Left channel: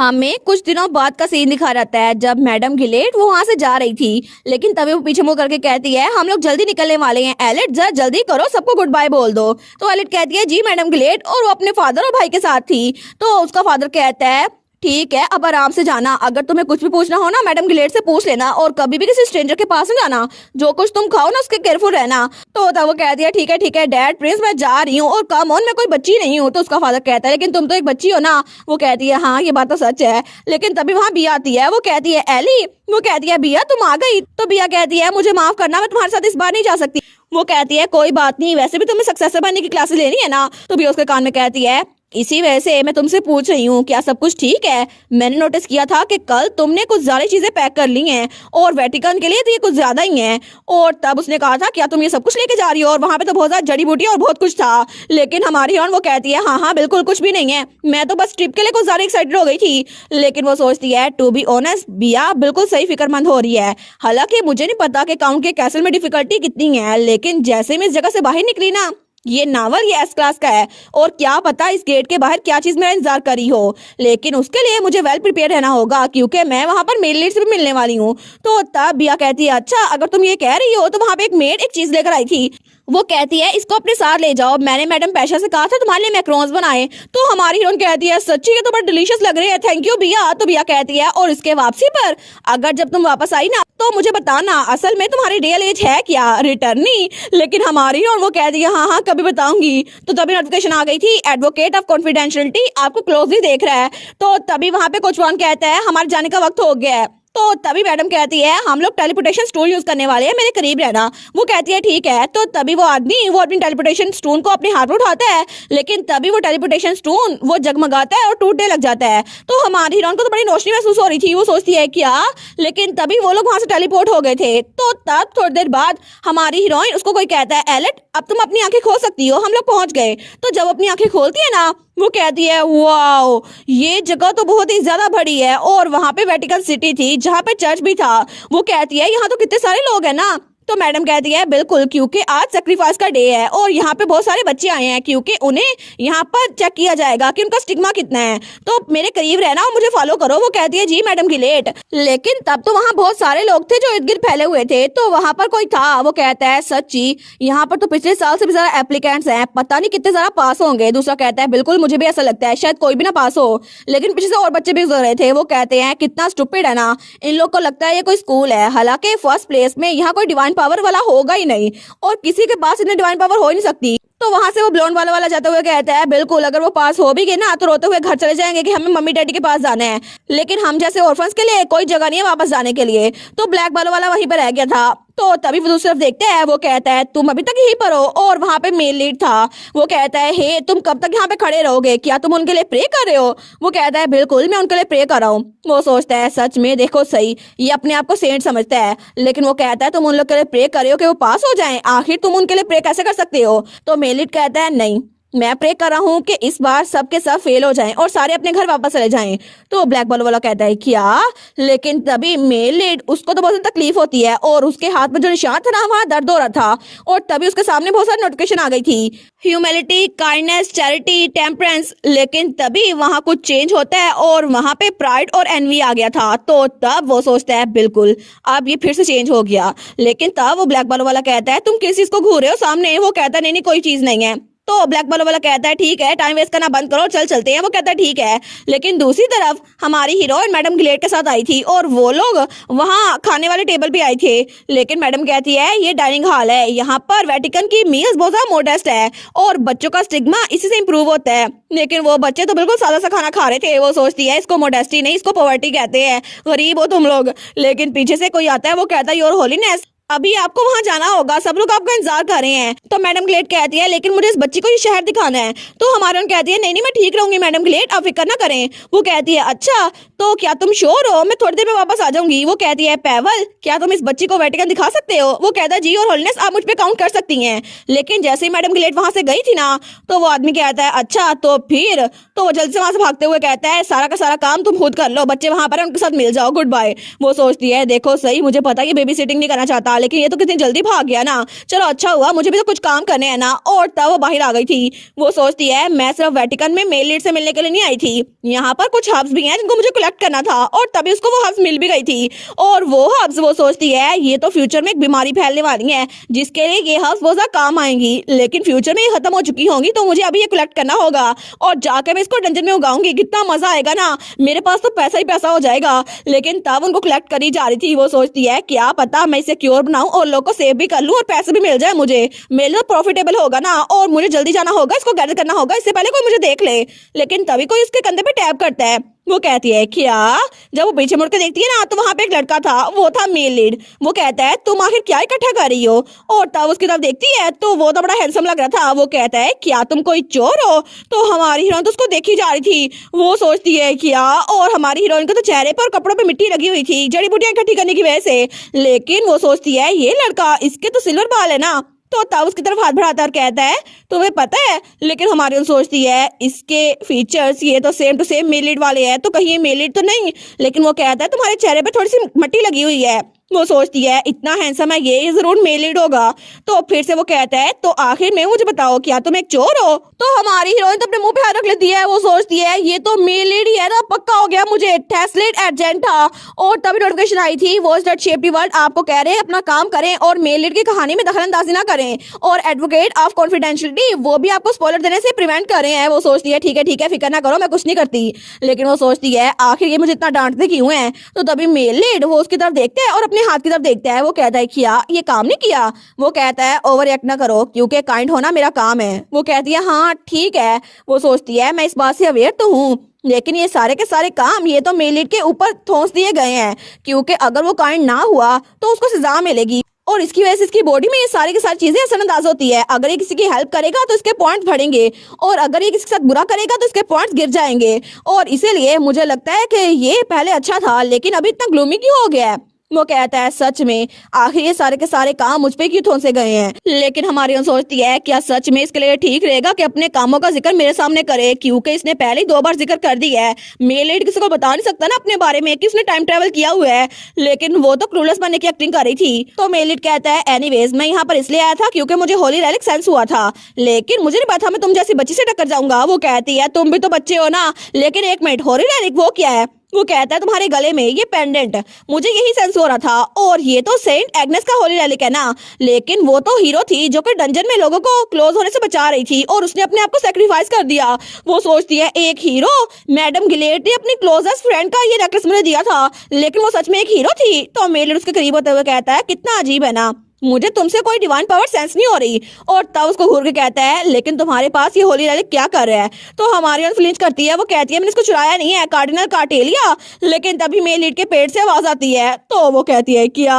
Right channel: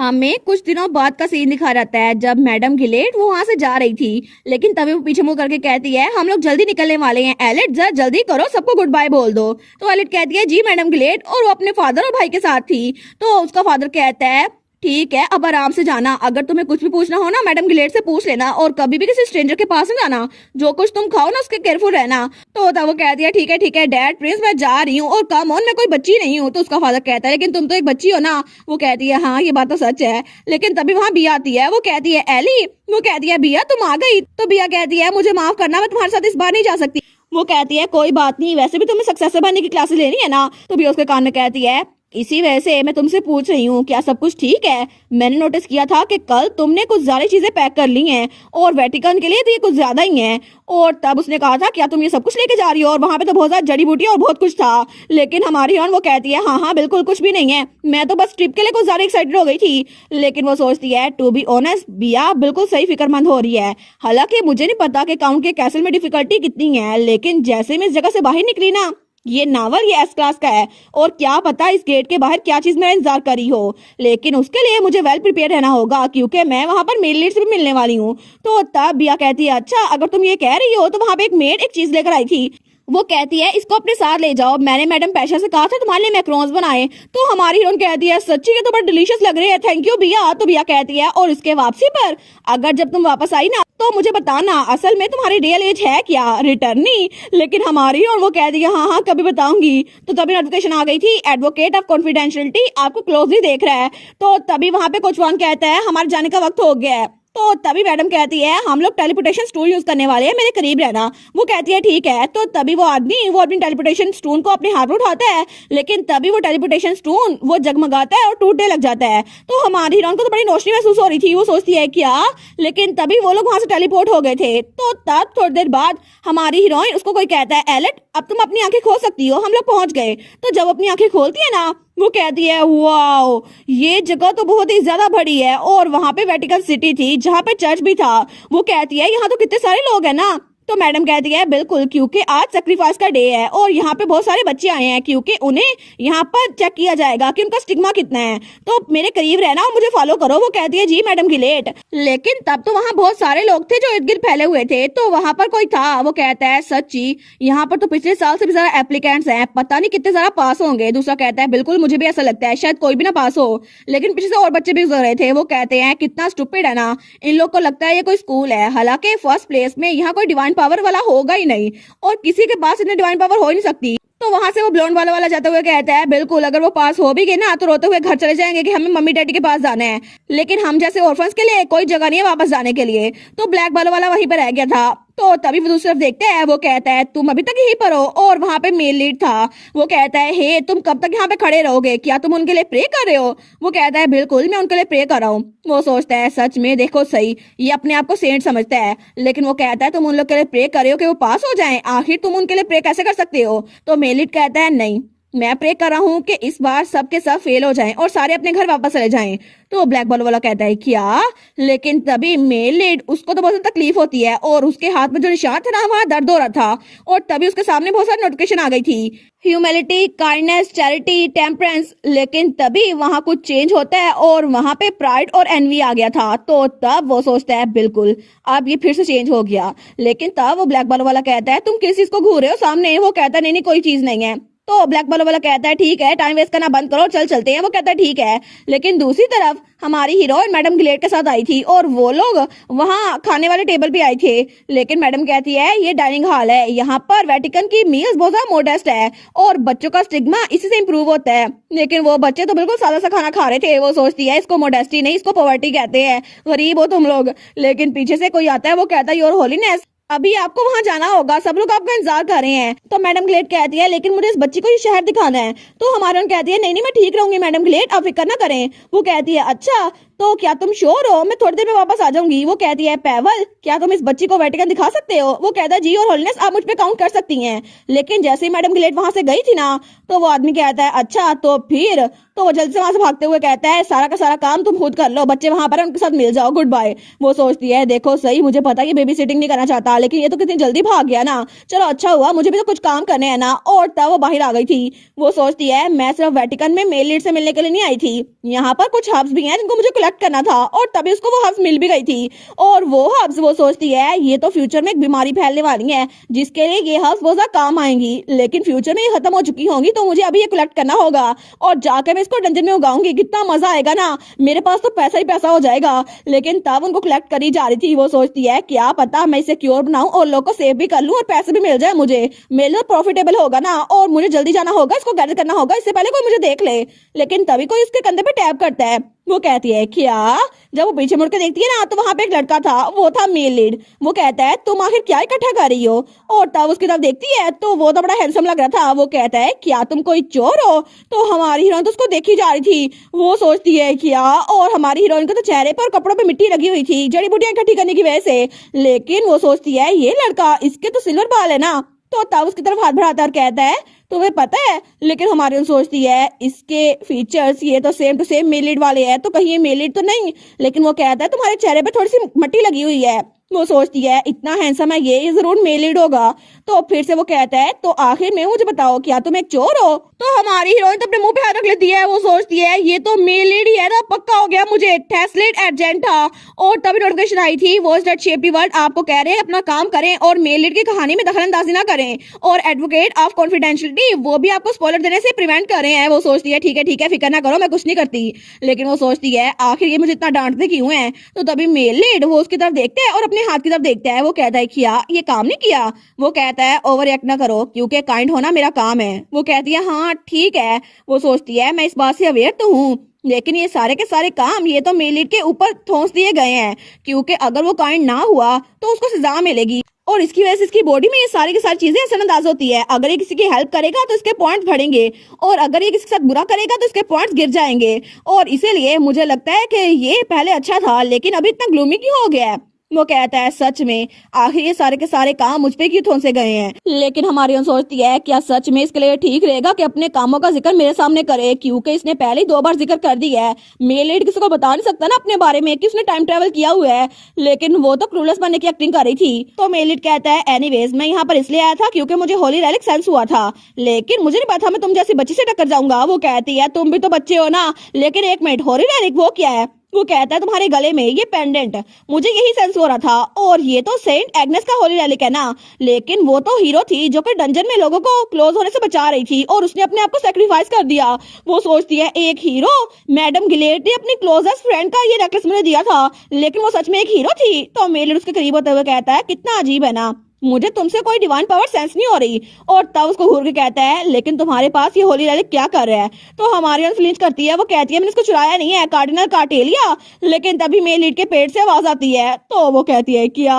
हमें कुछ दिनों बाद का सीन दिखा रहता है जब मैडम गिलेट वो वहां से जा रही थी, लेकिन तभी वो पीछे मुड़ करके कहती है हम लोग जल्दी निकलने वाले हैं, एलिट जरा जल्दी करो, सबको गुड बाय बोल दो। तो एलिट कहती है जी मैडम गिलेट, और वो अपने फादर और भाई के साथ थी। तो उसका फादर कहता है ठीक है अब आराम से जाना, अगर तुम्हें कुछ भी पूछना हो ना मैडम गिलेट से पूछ लेना, और कभी भी किसी स्ट्रेंजर के पास नहीं जाना, जो कुछ तुम खाओ ना उसके केयरफुल रहना। तो तब वो कहती है ठीक है डैड प्रिंस मैं जा रही हूँ, और कम ऑन मैं कोई बच्ची नहीं हूँ। तो उसका फादर कहता है लेकिन तुम तो एक बच्ची हो ना। वो कहती है हाँ ये बात तो सच है। लेकिन तभी वहाँ बिया आती है, वो कहती है एली, वो कहती है बिया तुम आ गई। तो बिया कहती है मुझे माफ करना, मैं तुम्हारे साथ इस बार नहीं जा सकती। वो कहती है कोई बात नहीं, वैसे भी तुम्हें सक्सेसर बनने की क्लासेस लेनी है ना। तो बिया उसके कान में कहती है इसी वजह से मैं तुमसे पूछ रही हूँ क्या सब कुछ ठीक है। मैंने नोटिस किया था कि कल तुमने कुछ ज्यादा चीजें पैक कर ली हैं, और वेटिकन के लिए तो ये कुछ ज्यादा ही है। और तब उसने कहा था क्या तुम ये सब कुछ लेके जा रही हो, और वहां पे तो बहुत ज्यादा जड़ी बूटी और बहुत कुछ था। लेकिन हमारी हिरोइन वो कहती है हाँ बिल्कुल कुछ भी नहीं है, मैं तो बस ट्रिप के लिए कुछ ज्यादा एक्साइटेड हो गई थी। लेकिन वो सोचती है टू बी ऑनेस्ट बिया बिल्कुल सही फिक्रमंद हो रही है। हालांकि मुझे नहीं पता कि काउंट के कैसल में डिफिकल्टी कितनी है, लेकिन जैसे मैं इस जगह से बाहर निकली ना, ये नावल ये एस क्लास का है, और क्या पता इस गेट के बाहर क्या चीज मेरा इंतजार करी हो। लेकिन उसके लिए मुझे वेल प्रिपेयर रहना होगा, क्योंकि मैं वहां पर मेड लीड से भी मिलने वाली हूँ। तो तब बिया कहती है अच्छा अगर तुम ये कह रही हो तो वहां पे एक मेड एक चीज लेकर आई थी। वो कहती है इसको अपने साथ ले जाओ, मैंने मैडम पैशा से कहा था तुम्हारे लिए मैक्रोन्स बनाए। तो हमारी हीरोइन कहती है सच्ची ये तो बड़ा डिलीशियस लग रही है, थैंक यू बिया। तो बिया कहती है और इसके वापसी पर अगर जब तुम वापस आई ना तो मुझे बताना असल में तुम्हारी रियल एज है क्या, रिटर्नी। लेकिन हमारी और वो कहती है हाँ कभी बताऊंगी। तो तभी नोटिफिकेशन आ गई थी एडवोकेट ऑफ कॉन्फिडेंशियलिटी आपको क्लोजली देख रहा है। तो तभी वहां पे कुछ वन कहता है हमारे जाने का वक्त हो गया है। तो तभी मैडम कहती है हम लोग टेलीपोर्टेशन स्टोन यूज करने वाले हैं, मेरे करीब रहना। वो कहती है ठीक है। तो तभी वो आदमी वो अपनी टेलीपोर्टेशन स्टोन को अपने हाथ में उठाता है, लेकिन तभी वो टेलीपोर्टेशन स्टोन वो जगमगाता है और टूटने लग जाता है। तो हमारी हीरोइन को तो बड़ी रोशनी महसूस हो रही थी, वो सोचती है क्या, लेकिन तभी वो लोग वहां से टेलीपोर्ट हो गए थे। तो तब थोड़ी देर बाद हमारी हीरोइन उसको कोई कहता है एलेट अब तुम अपनी आंखें खोल सकती हो, हम लोग पहुंच गए। तो जब अपनी आंखें खोलती है ना वो कहती है वाओ ये जगह तो बहुत ही ज्यादा बड़ी है, और वहां पे वेटिकन सिटी थी जहां पे चर्च भी था। वो कहती है यहाँ तो कितने सारे लोग हैं ना। तो मैडम कहती है बिल्कुल, क्योंकि आज सेक्रीफाइस का डे है और यहाँ पे बहुत सारे बच्चे आए हैं, क्योंकि उन्हें यहाँ पर चेक किया जाएगा कि उनका स्टिग्मा कितना है। तो मेरे करीब रहना और मुझे फॉलो करो। वो कहती है जी मैडम गिलेट। लेकिन तब तो वहाँ बहुत सारे लोग थे जो इर्द गिर्द फैले हुए थे, तो वहाँ पर कोई था। वो कहता है सच्ची यहाँ पर तो पिछले साल से भी ज्यादा एप्लीकेंट्स हैं, पता नहीं कितने ज्यादा पास होंगे। दूसरा कहता है बिल्कुल मुझे भी ऐसा लगता है, शायद कोई भी ना पास हो, लेकिन पीछे से और बच्चे भी गुजर रहे थे। वो कहते हैं कितना स्टूपिड है ना, इन लोग को लगता है ये कोई स्कूल है। हालांकि फर्स्ट प्लेस में यहाँ कोई डिवाइन पावर वाला होगा ही नहीं, और किसी के पास इतनी डिवाइन पावर हो ही नहीं सकती। तो वहां से वो ब्लॉन्ड वाला जाते हुए कहता है बिल्कुल अगर वो पास हो भी गए ना तो रोते हुए घर चले जाएंगे कि हमें मम्मी डैडी के पास जाना है, लेकिन हम जैसे ऑर्फन्स के लिए कोई जगह नहीं है वापस जाने के लिए। तो ब्लैक वाला वहीं पर रह गया था। तो तभी वो दूसरी तरफ देखते हैं, वो कहता है तुम अभी तक यहीं पर हो, और वहां पे मेल लीड था। वो कहता है हे तुम कब तक यहाँ पे खड़े रहोगे, क्या तुम उनके लिए प्रे कर रहे हो। वो कहता है बिल्कुल मैं उनके लिए प्रे कर रहा हूँ। वो सोचता है सच में देखो सही, ये अपने आप को सेंट समझता है, लेकिन वो कहता है तुम उन लोग के लिए प्रे कर रहे हो कि वो पास हो जाएं, आखिर तुम उनके लिए प्रे कैसे कर सकते हो। तो मेल लीड कहता है नहीं मैं प्रे कर रहा हूँ कि इस बार सबके सब फेल हो जाएं और सारे अपने घर वापस चले जाएं। तो ब्लैक बॉल वाला कहता है क्या, लेकिन तभी मेल लीड उसको तो बहुत तकलीफ होती है, और उसके हाथ में जो निशान था ना वहाँ दर्द हो रहा था, और तभी उसके सामने बहुत सारी नोटिफिकेशन आ गई थी, ह्यूमैनिटी, काइंडनेस, चैरिटी, टेम्परेंस। लेकिन तभी वहाँ कुछ चेंज होता है और वहाँ पे प्राइड और एनवी आ गया था। तो तब वो सोचता है बिल्कुल अब ये फिर से चेंज हो गया। लेकिन तब वो ब्लैक बॉल वाला कहता है तुम किस चीज को घूर रहे हो सामने। वो कहता है नहीं कोई चीज नहीं है। तो ब्लैक बॉल वाला कहता है ठीक है टाइम वेस्ट करना बंद करो चल चलते हैं। वो कहता है ठीक है। लेकिन दूसरी तरफ हमारी हीरोइन मैडम गिलेट के साथ आई थी, और वो लोग वहाँ खाने वाले टेबल पे आए थे। लेकिन मैडम कहती है ये डाइनिंग हॉल है, यहाँ पर वेटिकन की मील्स बहुत ज्यादा मोडेस्ट है, और बच्चों का स्टिग्मा इसी से इम्प्रूव होता है। लेकिन वो बच्चे तो बिल्कुल सादा सा खाना खा रहे थे। वो सोचती है इसको मोडेस्टी नहीं इसको पॉवर्टी कहते हैं, गरीब हो तुम लोग। लेकिन पीछे से कोई आता है, वो कहता है योर होलीनेस अभी आपको वहां जाना होगा, सब लोग आपका इंतजार कर रहे हैं। तो मैडम ग्लेड कहती है लेकिन मुझे इस बच्ची को ये शहर दिखाना है। तो हमारा कहती है नहीं मैं ठीक रहूंगी मैडम ग्लेड, आप फिक्र ना करें। वो कहती है अच्छा तो क्या तुम श्योर हो, मैं थोड़ी देर में वापस आ जाऊंगी। वो कहती है पैवल क्या तुम इस बच्ची को वेटिकन दिखा सकते हो। वो कहता है जी और होलीनेस आप मुझ पे काउंट कर सकती हैं। लेकिन जैसे ही मैडम ग्लेड वहां से गई थी ना तो वो आदमी कहता है अच्छा तो फिर। तो वो जल्दी से वहां से भागते हुए कहता है सारा का सारा काम तुम खुद कर लो, बच्चे वहां पर उनके साथ मिल जाओ, गुड बाय। वो सोचती है देखो सही मुझे पता ये बेबी सिटिंग नहीं करना चाहता, लेकिन ये तो कितनी जल्दी भाग गया ना। चलो अच्छा हुआ, मुझे भी तो कुछ काम करने हैं ना। और तब वो बाहर आ गई थी। वो सोचती है मैं सिर्फ वेटिकन में मेल लीड से मिलने के लिए नहीं आई थी, यहाँ पर कुछ हब्स भी हैं जिनको मुझे कलेक्ट करना था। और तभी उसको वो हब्स मिल भी गई थी। और वो हब्स वो सोचती है ये तो फ्यूचर में एक बीमारी फैलने वाली है जिसके लिए ये हब्स बहुत ज्यादा काम आएंगी, लेकिन फ्यूचर में ये खत्म हो चुकी होंगी, तो मुझे अभी ये कलेक्ट करना होगा और जाकर मैं इसको डंजन में उगाऊंगी। कितना मजा आएगा ना, मेरे पास तो पैसा ही पैसा हो जाएगा। लेकिन तब उनको कलेक्ट करी जा रही थी। वो सोचती है क्या पता मैं इसे क्योर बनाऊं और लोग को सेव भी कर लूं और पैसे भी मिल जाए मुझे। मेरे लिए प्रॉफिटेबल होगा ना, और मुझे जल्दी जाना होगा, इसको गैदर करना होगा इससे पहले कोई मुझे देख ले। लेकिन तभी कोई उसके कंधे पे टैप करता है। वो कहती है क्या? जब वो पीछे मुड़ के देखती है ना, तो वहां पे एक लड़का था, वो था मेल लीड। वो कहता है तुम आखिर क्या इकट्ठा कर रही हो? और तब उसकी तरफ देखती है तो वो तो बड़ा हैंडसम लग रहा था। वो कहता है क्या तुम कोई चोर हो? तो हमारी हीरोइन तो उसको देखी जा रही थी। वो सोचती है क्या, और हमारी हीरोइन के तो चेहरे पर और कपड़ों पे मिट्टी लगी हुई थी जड़ी बूटियां इकट्ठी करने की वजह से। लेकिन वो सोचती है ये लड़का, इसके तो सिल्वर बाल है ना। तो तब उसकी तरफ हाथ बढ़ाता और कहता है तुम्हें पता है, लेकिन हमारी उन सोचती है इसके फीचर्स ये तो सेम टू सेम मेल लीड वाले हैं, तो कहीं ये मेल लीड तो नहीं। लेकिन वो कहता है तुम्हारे चेहरे पे थोड़ी सी मट्टी लगी हुई है। वो सोचती है इतना हैंडसम है ये जरूर मेल लीड होगा। तो फिर से वो कहता है तो आखिर में मुझे बताओ क्या तुम एक चोर हो? तो हमारी हीरोइन तो अपने मुंह पे हाथ रख लेती है। वो सोचती है ये तो मेल लीड ही है ना, पक्का हो गया मुझे टेस्लेट एजेंट था। और तभी नोटिफिकेशन आई थी watch that shaped the world, आपको कह रहे हैं अपना काम करें और मेल लीड की कहानी में दखलंदाजी ना करें, और एडवोकेट ऑफ कॉन्फिडेंशियलिटी वो भी आपको स्पॉइलर देने से प्रिवेंट कर रहे हैं। वो सोचती है ठीक है फिक्र ना करो, मैं कुछ नहीं करती। लेकिन वो सोचती है आखिर ये मुझे इतना डांटते क्यों है? तो तभी मेल लीड वो उसकी तरफ देखते हैं और अपने हाथ की तरफ देखता है। वो कहता है क्या ये काम नहीं किया? वो कहता है ओवर रिएक्ट ना करो, क्योंकि काइंड होना मेरा काम है। वो कहती है हाँ ठीक है। वो सोचती है मैं इस बात से अवेयर तो हूँ, लेकिन ये सारे के सारे काम ये तो मेल लीड के ऊपर ठोंस दिए गए हैं, क्योंकि अगर वो काइंड ना हुआ तो उसको सजा मिलेगी, और इसकी वजह से इसकी बॉडी में ये सारी की सारी चीजें असरअंदाज होती है। अगर ये किसी की हेल्प करेगा तो इसके पॉइंट्स बढ़ेंगे, और अगर ये किसी के साथ बुरा करेगा तो इसके पॉइंट्स गिर जाएंगे। और इसीलिए मुझे लगता है कि ये पहले अच्छा था, लेकिन अभी इतना ग्लूमी क्यों हो गया है? वो कहता है सच में आखिर ये सारे के सारे काम मुझ पे क्यों ठोंसे गए हैं? लेकिन हमारी सोचती है क्या सच में इसके लिए ठीक रहेगा कि अपने कामों का जिक्र मेरे सामने करे, क्योंकि इसने पहले ही 2 बार जिक्र कर दिया है। मेल लीड किसी को बता नहीं सकता ना अपने बारे में कि उसने टाइम ट्रेवल किया हुआ है, लेकिन वो तो क्लूलेस बनने की एक्टिंग कर रही थी। तो मेल लीड कहता है एनीवेज मैं यहाँ पर इसलिए आया था क्योंकि मुझे होली रेलिक सेंस हुआ था, लेकिन मुझे नहीं पता मैं तुम जैसी बच्ची से टक्कर जाऊंगा। वो कहती है तुम भी तो बच्चे हो ना। लेकिन एक मिनट, होली रेलिक वो क्या है? वो कहता है तुम्हारे गले में ये पेंडेंट, मुझे यही सेंस हो रहा था, और ये तो सेंट एग्नेस का होली रेलिक है ना। लेकिन वो तो हीरो थी जो कि डंजन में लोगों को क्लोज होने से बचा रही थी, और उसने अपने आप को सेक्रीफाइस कर दिया। वो सोचती है एक हीरो, मैडम गिलेट ने अपनी क्लोजेस्ट फ्रेंड का ये नेकलेस मुझे दिया था, लेकिन वो सच में एक हीरो थी। तो मेल उसके करीब होते हुए कहता है कितना अजीब है ना, मुझे तुमसे कोई डिवाइन पावर सेंस नहीं हो रही। और तब उसको घूर के कहता है लेकिन तुम्हारे पास ये होली रेलिक क्या कर रहा है? तो हमारी फ्लिंच करती है। वो कहती है मैंने इसको चुराया नहीं है, कार्डिनल कार्टेलिया। लेकिन तभी मेल लीड के पेट से आवाज आती है। तो वो कहती है क्या?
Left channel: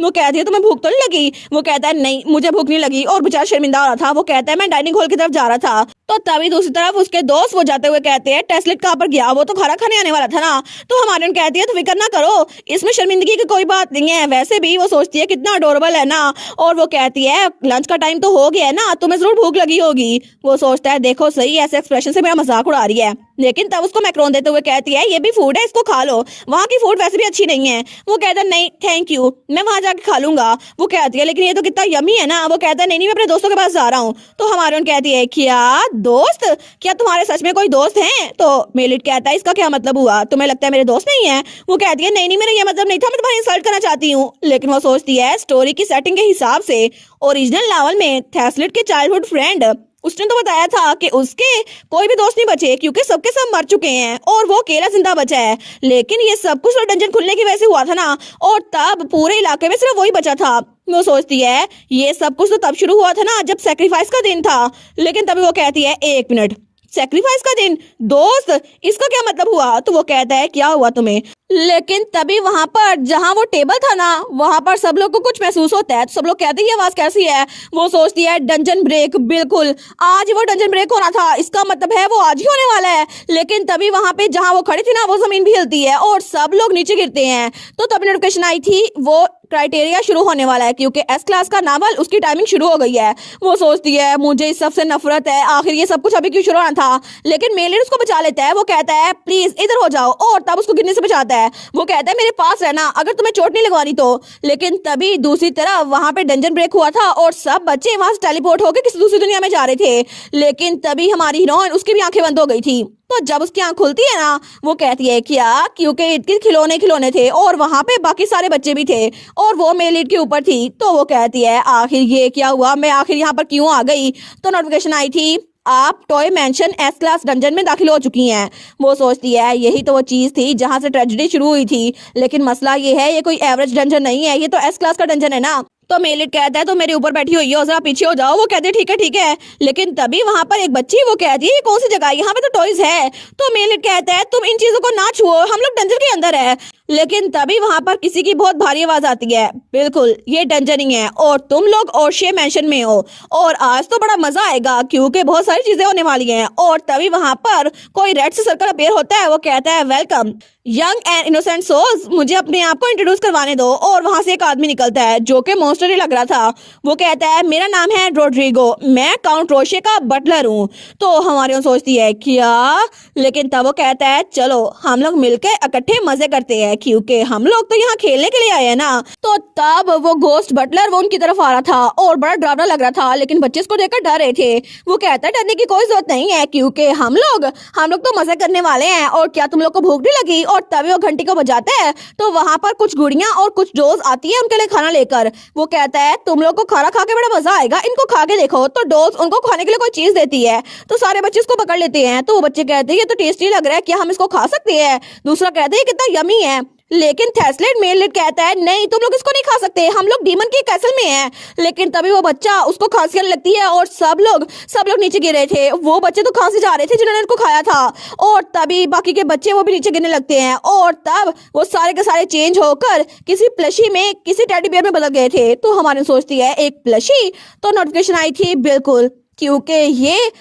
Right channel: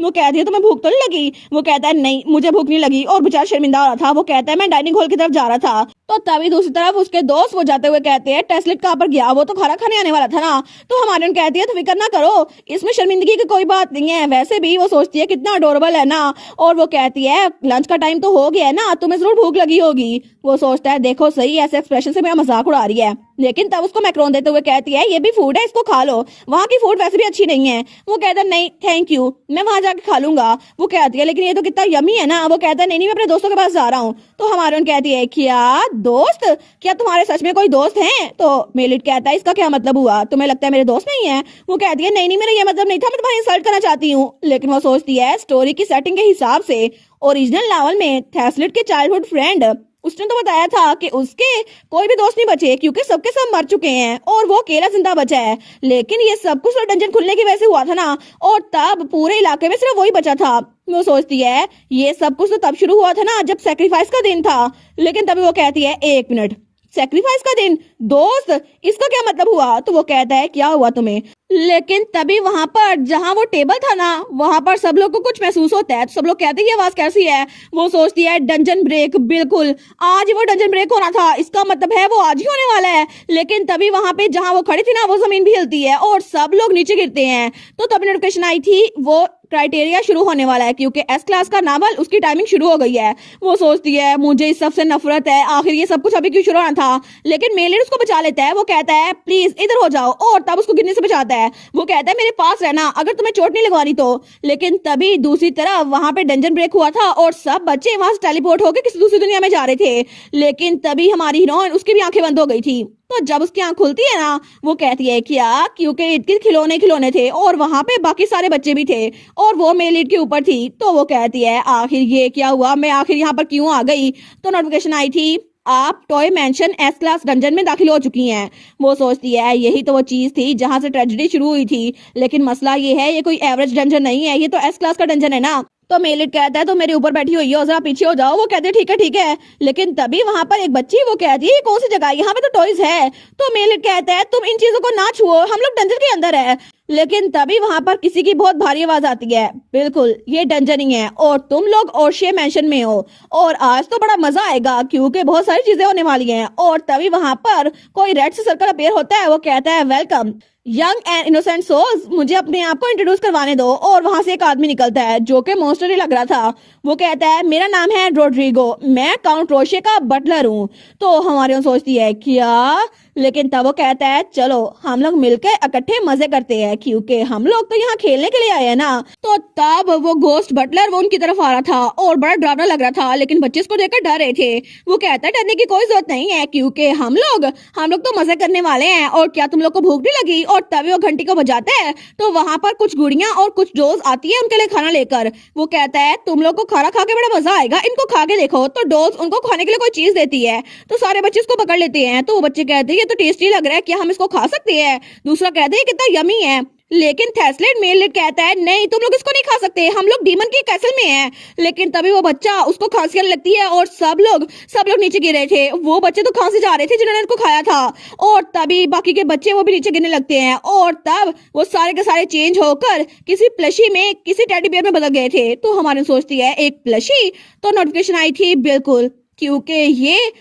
वो कहती है तुम्हें भूख तो नहीं लगी? वो कहता है नहीं मुझे भूख नहीं लगी, और बेचारा शर्मिंदा हो रहा था। वो कहता है मैं डाइनिंग हॉल की तरफ जा रहा था। तो तभी दूसरी तरफ उसके दोस्त वो जाते हुए कहते हैं टेस्लेट कहाँ पर गया? वो तो खाना खाने आने वाला था ना। तो हमारी कहती है तो फिक्र ना करो, इसमें शर्मिंदगी की कोई बात नहीं है। वैसे भी वो सोचती है कितना अडोरेबल है ना। और वो कहती है लंच का टाइम तो हो गया है ना, तुम्हें जरूर भूख लगी होगी। वो सोचता है देखो सही ऐसे एक्सप्रेशन से मेरा मजाक उड़ा रही है। लेकिन तब उसको मैक्रोन देते हुए कहती है ये भी फूड है, इसको खा लो, वहाँ की फूड वैसे भी अच्छी नहीं है। वो कहता है नहीं थैंक यू, मैं वहां जाके खा लूंगा। वो कहती है लेकिन ये तो कितना यमी है ना। वो कहता है नहीं मैं अपने दोस्तों के पास जा रहा हूँ। तो हमारे कहती है क्या दोस्त? क्या तुम्हारे सच में कोई दोस्त हैं? तो मेल लीड कहता है इसका क्या मतलब हुआ? तुम्हें लगता है मेरे दोस्त नहीं है? वो कहती है नहीं मेरा ये मतलब नहीं था, मैं तुम्हारी इंसल्ट करना चाहती हूँ। लेकिन वो सोचती है स्टोरी की सेटिंग के हिसाब से ओरिजिनल नॉवल में थैसलेट के चाइल्डहुड फ्रेंड उसने तो बताया था कि उसके कोई भी दोस्त नहीं बचे, क्योंकि सबके सब मर चुके हैं और वो अकेला जिंदा बचा है। लेकिन ये सब कुछ डंजन खुलने की वजह से हुआ था ना, और तब पूरे इलाके में सिर्फ वही बचा था। वो सोचती है ये सब कुछ तो तब शुरू हुआ था ना जब सैक्रिफाइस का दिन था। लेकिन तभी वो कहती है एक मिनट, सैक्रिफाइस का दिन? दोस्त इसका क्या मतलब हुआ? तो वो कहता है क्या हुआ तुम्हें? लेकिन तभी वहां पर जहां वो टेबल था ना, वहां पर सब लोग को कुछ महसूस होता है। तो सब लोग कहते हैं ये आवाज कैसी है? वो सोचती है डंजन ब्रेक, बिल्कुल आज वो डंजन ब्रेक होना था, इसका मतलब है वो आज ही होने वाला है। लेकिन तभी वहां पे जहां वो खड़ी थी ना, वो जमीन भी हिलती है और सब लोग नीचे गिरते हैं। तो तभी नोटिफिकेशन आई थी वो क्राइटेरिया शुरू होने वाला है, क्योंकि एस क्लास का नावल उसकी टाइमिंग शुरू हो गई है। वो सोचती है मुझे इस सबसे नफरत है, आखिर ये सब कुछ अभी क्यों शुरू होना था? लेकिन मेल लीड उसको बचा लेता है। वो कहता है प्लीज इधर हो जाओ, और तब उसको गिरने से बचाता है। है। वो कहता है मेरे पास रहना अगर तुम्हें चोट नहीं लगवानी तो। लेकिन तभी दूसरी तरफ वहां पे डंजन ब्रेक हुआ था और सब बच्चे वहां से टेलीपोर्ट होकर किसी दूसरी दुनिया में जा रहे थे। लेकिन तभी हमारी हीरोइन, उसकी भी आंखें बंद हो गई थी। तो जब उसकी आंख खुलती है ना, वो कहती है क्या, क्योंकि इनके खिलौने खिलौने थे और वहां पे बाकी सारे बच्चे भी थे और वो मेल लीड के ऊपर थी। तो वो कहती है आखिर ये क्या हुआ, मैं आखिर यहाँ पर क्यों आ गई। तो नोटिफिकेशन आई थी आप toy mention S class dungeon में दाखिल हो चुकी हैं। वो सोचती है यही तो वो चीज थी जहां से ट्रेजेडी शुरू हुई थी, लेकिन मसला ये है ये कोई एवरेज डंजन नहीं है, ये तो एस क्लास का डंजन है ना। तो मेलिट कहता है तो मेरे ऊपर बैठी हुई हो, जरा पीछे हो जाओ। वो कहते हैं ठीक है। लेकिन तभी वहां पर एक बच्ची वो कहती है कौन सी जगह, यहाँ पे तो टॉयज है। तो मेलिट कहता है तुम इन चीजों को ना छुओ, हम लोग डंजन के अंदर है। लेकिन तभी वहां पर किसी की बहुत भारी आवाज आती है, बिल्कुल ये डंजनिंग है और तुम लोग ओशे मेंशन में हो और आज तो बड़ा मजा आएगा क्योंकि बहुत सारी चीजें होने वाली हैं। और तभी वहां पर कोई रेड से सर्कल अपीयर होता है। वो कहता है welcome young and innocent souls, मुझे अपने आप को इंट्रोड्यूस करवाने दो। और वहां से एक आदमी निकलता है जो कि मॉन्स्टर ही लग रहा था। वो कहता है मेरा नाम है रोड्रिगो, मैं काउंट रोशे का बटलर हूँ। तो हमारे सोचती है क्या, लेकिन तब वो कहता है चलो हम लोग मिलकर इकट्ठे मजे करते हैं क्योंकि हम लोग तो यहाँ खेलने के लिए आए हैं ना। तो तब वो घोस्ट बटलर वो उनकी तरफ आ रहा था और बड़ा डरावना लग रहा था, लेकिन बच्चे उसको देखकर डर रहे थे। वो कहता है डरने की कोई जरूरत नहीं है क्योंकि हम लोग तो मजे करने वाले हैं। और क्या तुम लोग को भूख नहीं लगी। और तभी वो घंटी को बजाते हैं तो वहां पर कुछ गुड़ियां और कुछ डोज आती है उनके लिए खाना लेकर। वो कहता है तुम लोग को खाना खा के बड़ा मजा आएगा, इनको खा के देखो। तो डोज उनको खाने के लिए कोई चीज देती है तो सारे बच्चे उसको पकड़ लेते हैं। तो वो बच्चे कहते हैं ये तो टेस्टी लग रहा है, क्या हम इसको खा सकते हैं। दूसरा कहता है कितना यमी है। लेकिन थेस्लेट मेलिट कहता है नहीं तुम लोग इसको नहीं खा सकते, हम लोग डीमन के कैसल में हैं। लेकिन तभी वो बच्चा उसको खांसी आने लगती है और सब लोग नीचे गिर रहे थे। वो बच्चे तो खांसी जा रहे थे जिन्होंने इनको खाया था और तभी बाकी के बच्चे वो भी नीचे गिरने लगते हैं। और तब वो सारे के सारे चेंज होकर किसी प्लशी में, किसी टेडी बियर में बदल गए थे। तो हमारी सोचती है एक प्लशी। तो नोटिफिकेशन आई थी बिल्कुल क्योंकि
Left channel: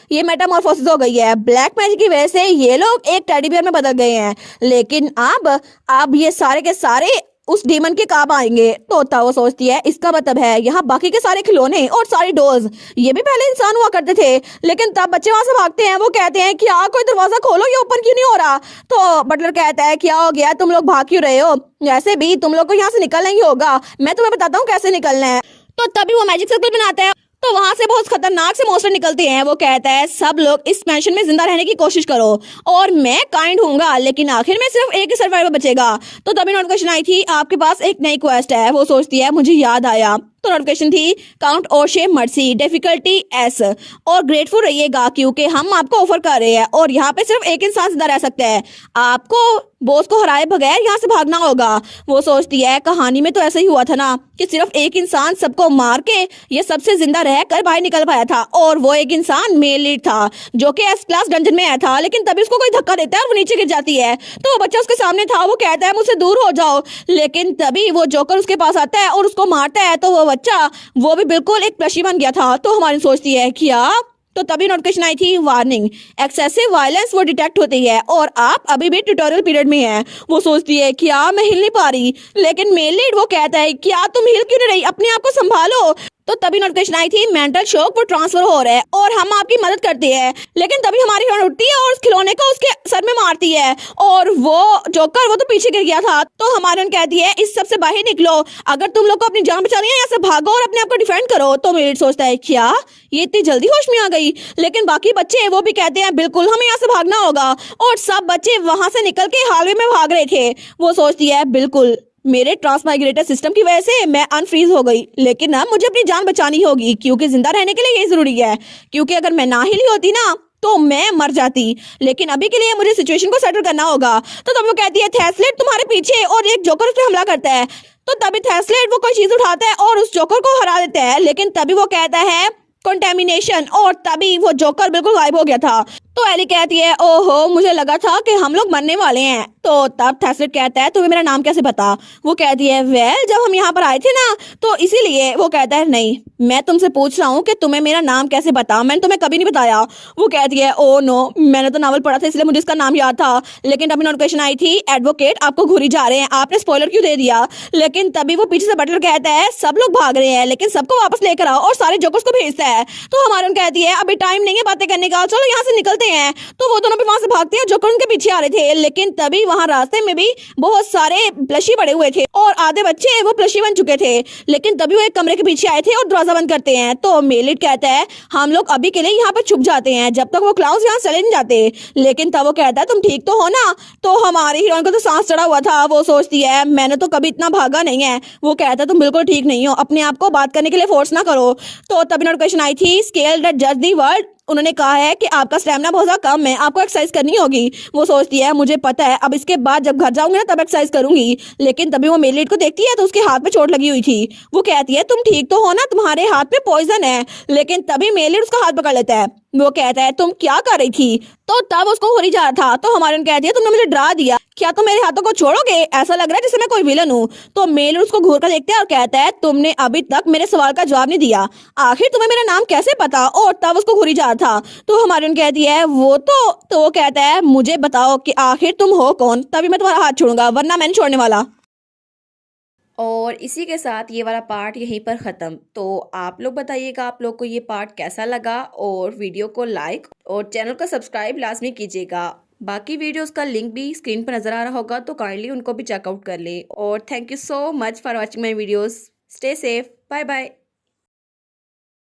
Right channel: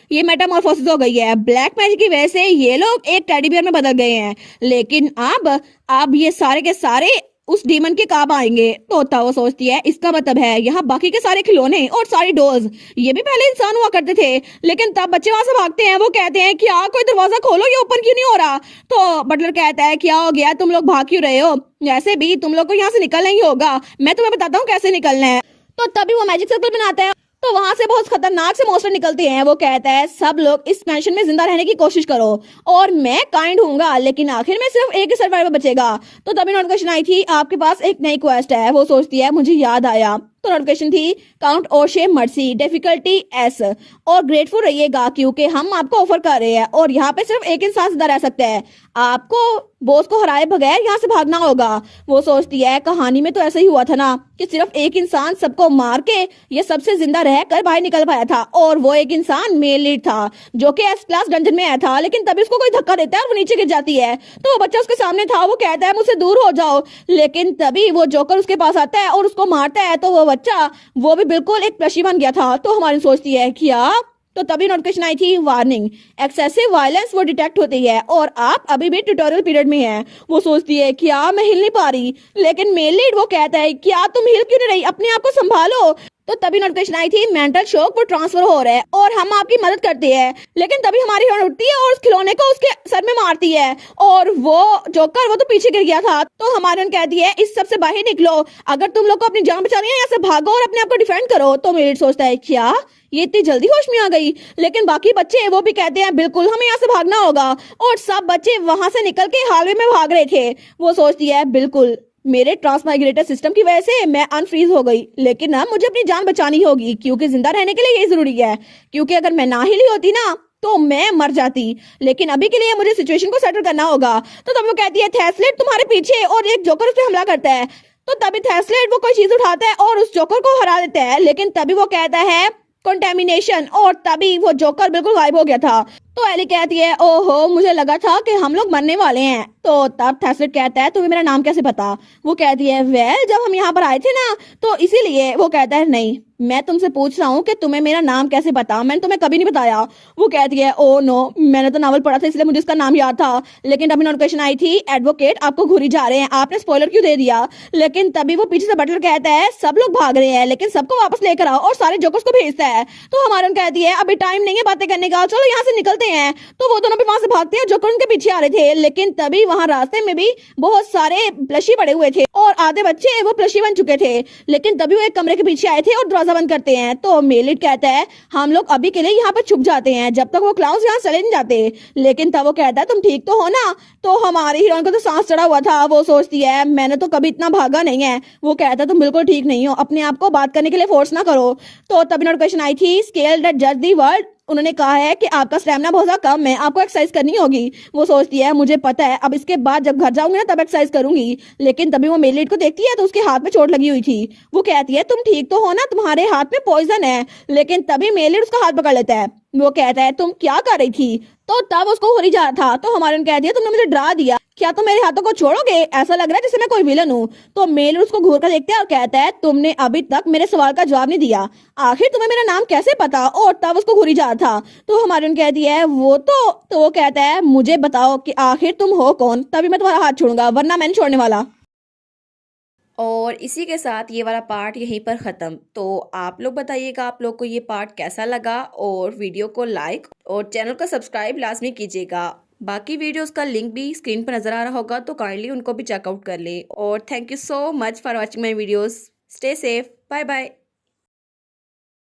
ये मेटामॉर्फोसिस हो गई है, ब्लैक मैजिक की वजह से ये लोग एक टेडी बियर में बदल गए हैं। लेकिन अब ये सारे के सारे उस डीमन के काम आएंगे। तो वो सोचती है इसका मतलब है यहाँ बाकी के सारे खिलौने और सारी डोज ये भी पहले इंसान हुआ करते थे। लेकिन तब बच्चे वहां से भागते हैं। वो कहते हैं कि कोई दरवाजा खोलो, ये ओपन क्यों नहीं हो रहा। तो बटलर कहता है क्या हो गया, तुम लोग भाग क्यों रहे हो, वैसे भी तुम लोग को यहाँ से निकलना ही होगा, मैं तुम्हें बताता हूँ कैसे निकलना है। तो तभी वो मैजिक सर्कल बनाता है तो वहां से बहुत खतरनाक से मॉन्स्टर निकलते हैं। वो कहता है सब लोग इस मैंशन में जिंदा रहने की कोशिश करो और मैं काइंड हूँगा, लेकिन आखिर में सिर्फ एक ही सर्वाइवर बचेगा। तो तभी नोटिफिकेशन आई थी आपके पास एक नई क्वेस्ट है। वो सोचती है मुझे याद आया। तो नोटिफिकेशन थी काउंट ओशे मर्सी, डिफिकल्टी एस, और ग्रेटफुल रहिएगा क्योंकि हम आपको ऑफर कर रहे हैं और यहाँ पे सिर्फ एक इंसान जिंदा रह सकता है, आपको बॉस को हराए बगैर यहाँ से भागना होगा। वो सोचती है कहानी में तो ऐसा ही हुआ था ना कि सिर्फ एक इंसान सबको मार के ये सबसे जिंदा रहकर बाहर निकल पाया था और वो एक इंसान मेल लीड था जो कि एस क्लास डंजन में आया था। लेकिन तभी उसको कोई धक्का देता है और वो नीचे गिर जाती है। तो वो बच्चा उसके सामने था। वो कहता है मुझसे दूर हो जाओ। लेकिन तभी वो जोकर उसके पास आता है और उसको मारता है। तो वो बच्चा वो भी बिल्कुल एक प्लशी बन गया था। तो हमारी सोचती है क्या। तो तभी नोटिफिकेशन आई थी वार्निंग एक्सेसिव वायलेंस वो डिटेक्ट होती है और आप अभी भी ट्यूटोरियल पीरियड में हैं। वो सोचती है क्या मैं हिल नहीं पा रही। लेकिन मेल लीड वो कहता है क्या तुम हिल क्यों नहीं रही, अपने आप को संभालो। तो तभी नोटिफिकेशन आई थी मेंटल शॉक वो ट्रांसफर हो रहा है और हम आपकी मदद करते हैं। लेकिन तभी हमारी हीरोइन उठती है और उस खिलौने को उसके सर में मारती है और वो जोकर वो तो पीछे गिर गया था। तो हमारी हीरोइन कहती है इस सब से बाहर निकलो, अगर तुम लोग को अपनी जान बचानी है यहाँ से भागो और अपने आप को डिफेंड करो। तो मेरिट सोचता है क्या ये इतनी जल्दी होश में आ गई। लेकिन बाकी बच्चे वो भी कहते हैं बिल्कुल हमें यहाँ से भागना होगा और सब बच्चे वहां से निकल के हाईवे में भाग रहे थे। वो सोचती है बिल्कुल मेरे ट्रांसमाइग्रेटर सिस्टम की वजह से मैं अनफ्रीज हो गई, लेकिन ना मुझे अपनी जान बचानी होगी क्योंकि जिंदा रहने के लिए ये जरूरी है, क्योंकि अगर मैं ना हिली होती ना तो मैं मर जाती। लेकिन अभी के लिए मुझे सिचुएशन को सेटल करना होगा। तो तब वो कहती है थेस्लेट तुम्हारे पीछे, और एक जोकर उस पर हमला करता है। तो तभी थेस्लेट वो कोई चीज उठाता है और उस जोकर को हरा देता है। लेकिन तभी वो कहता है कंटेमिनेशन और तभी वो जोकर बिल्कुल गायब हो गया था। तो एली कहती है ओहो मुझे लगा था कि हम लोग मरने वाले हैं। तो तब थेस्लेट कहता है तुम्हें मेरा नाम कैसे पता। वो कहती है वेल जब हम यहाँ पर आए थे ना तो इसीलिए। वो कहता है नहीं मैं तुमसे पूछ रहा हूँ कि तुम्हें मेरा नाम कैसे पता, मैंने तुम्हें कभी नहीं बताया। वो कहती है ओ नो मैंने तो नावल पढ़ा था इसलिए मुझे इसका नाम याद था। लेकिन अभी नोटिफिकेशन आई थी एडवोकेट आपको घूरी जा रहे हैं, आपने स्पॉइलर क्यों दे दिया। लेकिन तभी वो पीछे से बटलर कहता है सब लोग भाग रहे हैं लेकिन सबको वापस लेकर आओ और सारे जोकर्स को भेजता है। है। तो हमारन कहती है अभी टाइम नहीं है बातें करने का, चलो यहाँ से निकलते हैं। तो वो दोनों भी वहां से भागते हैं, जोकर उनके पीछे आ रहे थे, लेकिन तभी वहां रास्ते में भी बहुत सारे प्लशी पड़े हुए थे और आधे बच्चे वो प्लशी बन चुके थे। लेकिन तभी वो एक कमरे के पीछे आए थे और दरवाजा बंद करते हैं। तो मेलिट कहता है हम लोग अभी के लिए यहाँ पे छुप जाते हैं जब तक वो क्लाउस यहाँ चले नहीं जाते। लेकिन तब वो कहता है तुम ठीक तो हो ना। तो हमारी हीरोइन को तो सांस चढ़ा हुआ था, वो सोचती है मैंने तो कभी इतना भागा नहीं है। वो कहता है तुम बिल्कुल ठीक नहीं हो, अपने आप को बात करने के लिए फोर्स ना करो। तो तभी नोटिफिकेशन आई थी स्केल दैट जज दी वर्ल्ड। उन्होंने कहा है कि आपका स्टैमिना बहुत ज्यादा कम है, आपको एक्सरसाइज करनी होगी। वो सोचती है मुझे पता है, अब इसके बाद जब घर जाऊंगी ना तब एक्सरसाइज करूंगी। लेकिन तभी वो मेलिट को देखती है तो उसके हाथ में चोट लगी हुई थी। वो कहती है तुम ठीक तो हो ना, तुम्हारे हाथ में पॉइजन है। लेकिन तभी मेलिट उसका हाथ पकड़ लेता है। वो कहता है तुम क्या कर रही थी। तो तब उसको हो ही जा रहा था। तो हमारे कहती है तुमने मुझे डरा दिया, क्या तुम मेरे हाथों को छोड़ोगे, ऐसा लग रहा है जैसे मैं कोई विलन हूँ। तो मेलिट उसको घूर कर देखता है और कहता है तुमने अभी तक मेरे सवाल का जवाब नहीं दिया, आखिर तुम्हें मेरा नाम कैसे पता। और तब उसको घूरी जा रहा था। तो हमारे कहती है वो तो वो कहता है मुझे बताओ कि आखिर तुम हो कौन, तभी मैं तुम्हारा हाथ छोड़ूंगा, वरना मैं नहीं छोड़ने वाला। और इसी के साथ ये वाला पार्ट यहीं पर ख़त्म। तो आप लोग बताइएगा आप लोग को ये पार्ट कैसा लगा, और वीडियो को लाइक और चैनल को सब्सक्राइब लाजमी कीजिएगा। बाकी वीडियोस का लिंक भी स्क्रीन पर नज़र आ रहा होगा, तो काइंडली उनको भी चेकआउट कर लें। और thank you so much for watching my videos. Stay safe, bye bye.